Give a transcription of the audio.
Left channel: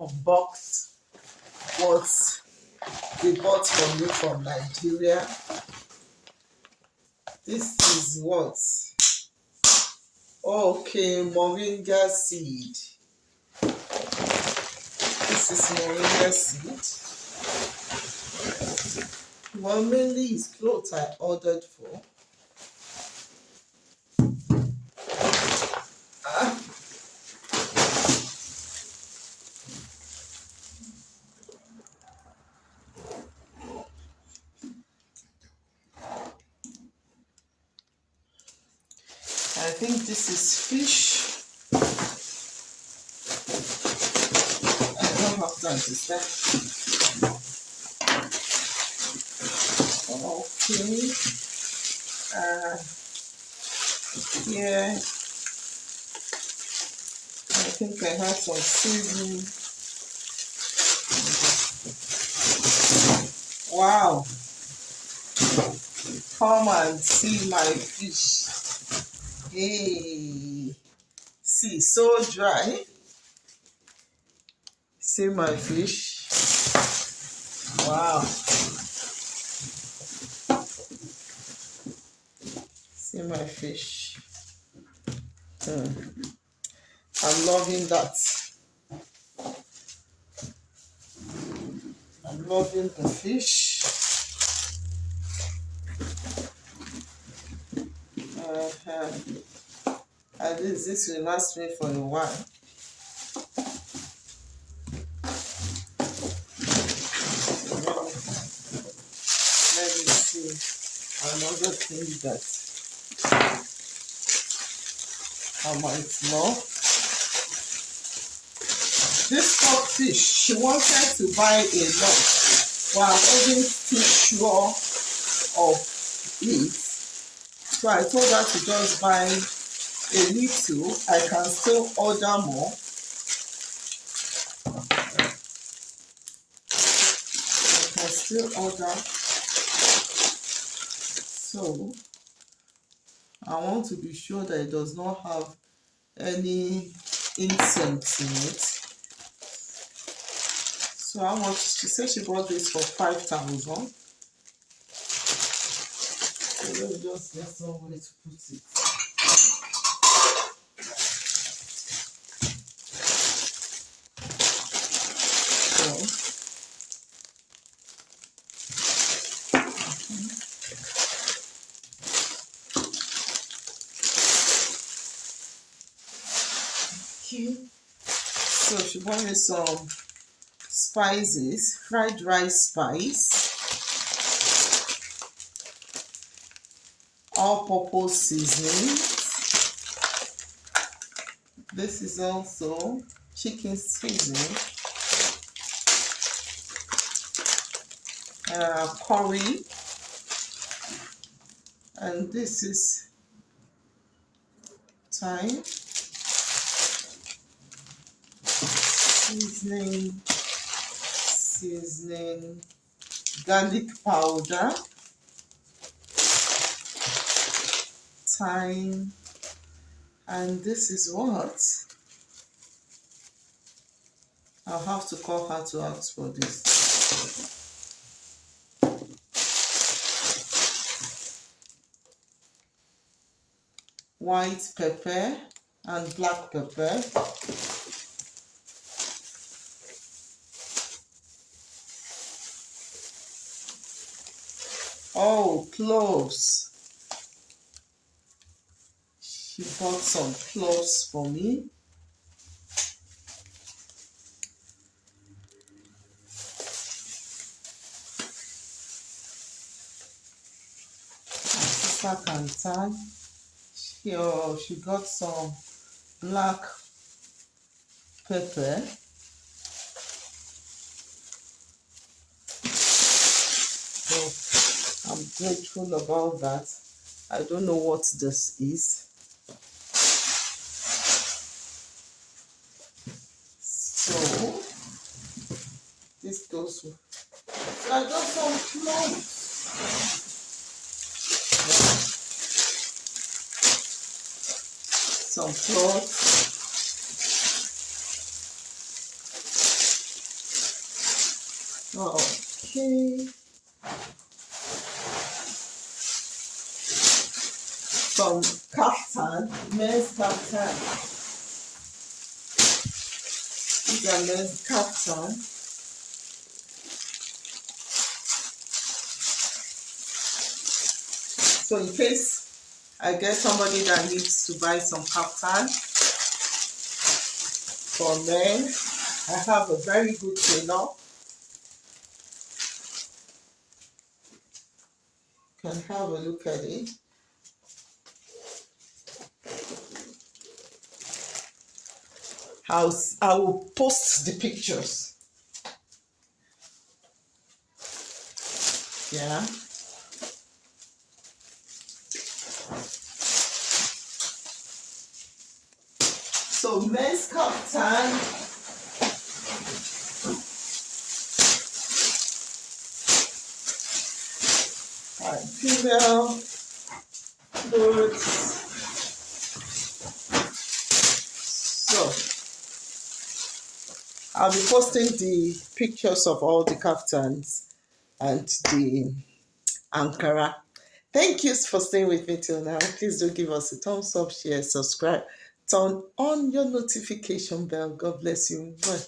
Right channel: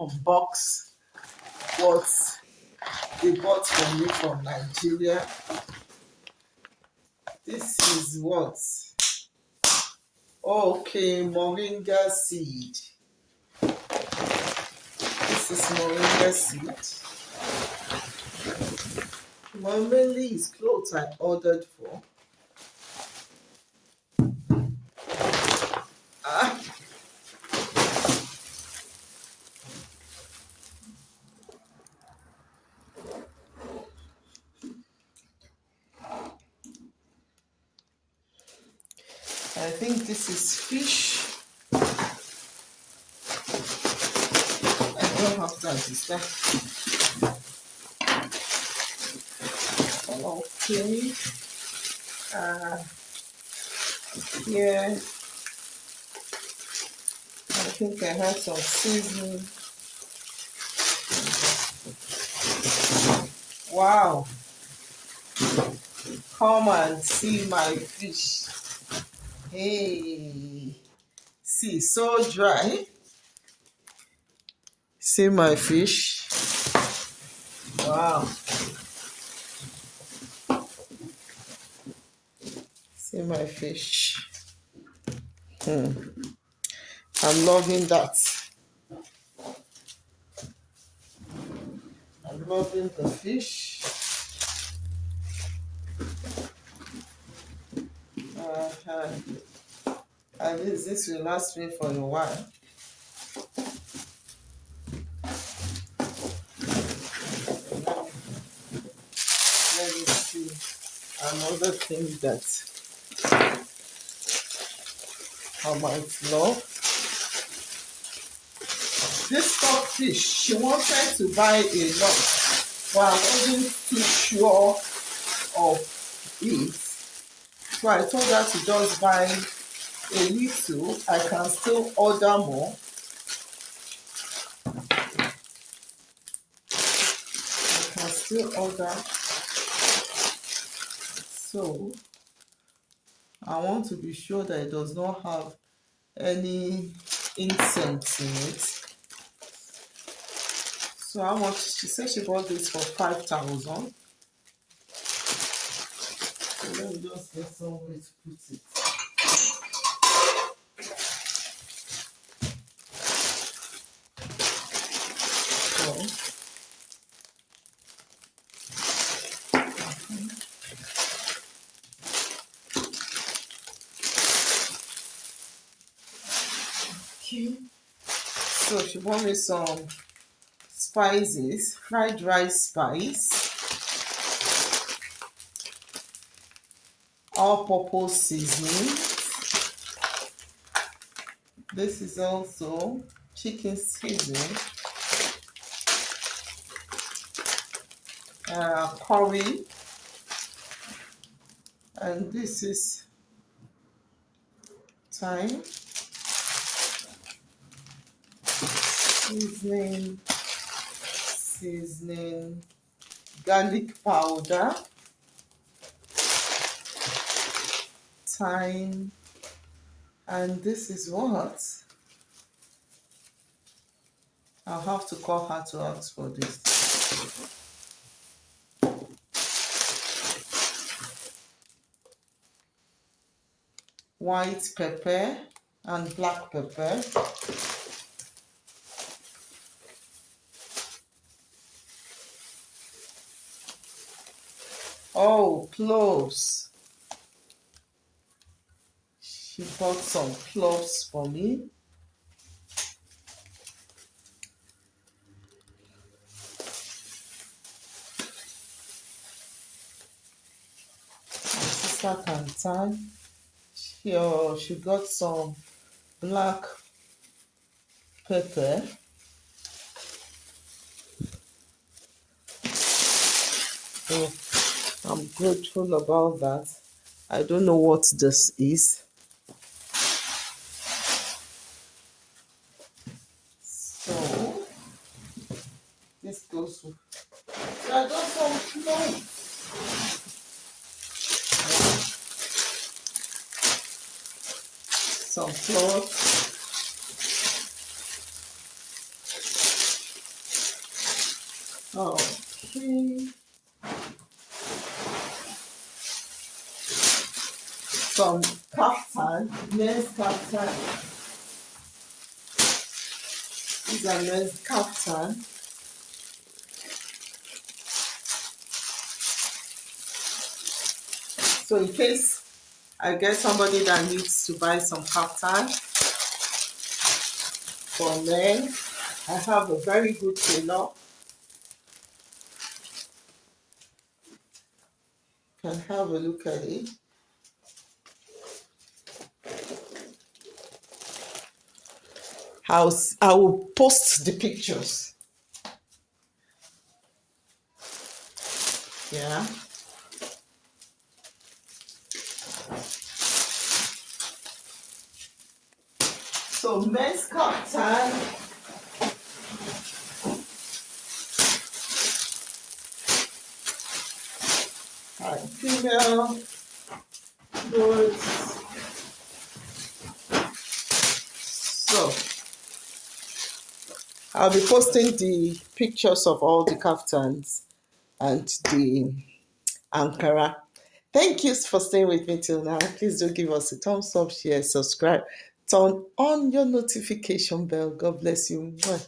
unbox what they bought for me from Nigeria. This is what? Okay, moringa seed. This is moringa seed. Well, mainly it's clothes I ordered for. I think this is fish. I don't have time to start. Okay. Here, I think I have some seasoning. Wow. Come and see my fish. Hey. See, so dry. See my fish. Wow. See my fish. I'm loving that. I'm loving the fish. At least this will last me for a while. Let me see another thing that I might know. This stockfish, she wanted to buy a lot, but I wasn't too sure of it. So I told her to just buy a little. I can still order more. I can still order. So I want to be sure that it does not have any incense in it. So how much? She said she bought this for 5,000. So let me just get somewhere to put it. Okay. So she bought me some spices, fried rice spice, all-purpose seasoning. This is also chicken seasoning, curry, and this is thyme, seasoning, garlic powder, thyme, and this is what? I'll have to call her to ask for this. White pepper and black pepper. Oh, cloves. She bought some cloves for me. My sister can tan. She got some black pepper. So I'm grateful about that. I don't know what this is. So this goes with. So I got some cloves. Some cloves. Okay. Some kaftan, men's kaftan. These are men's kaftan. So in case I get somebody that needs to buy some kaftan for men, I have a very good tailor. You can have a look at it. I will post the pictures. Yeah. So men's kaftan. And female clothes. So I'll be posting the pictures of all the kaftans and the Ankara. Thank you for staying with me till now. Please do give us a thumbs up, share, subscribe, turn on your notification bell. God bless you. Bye.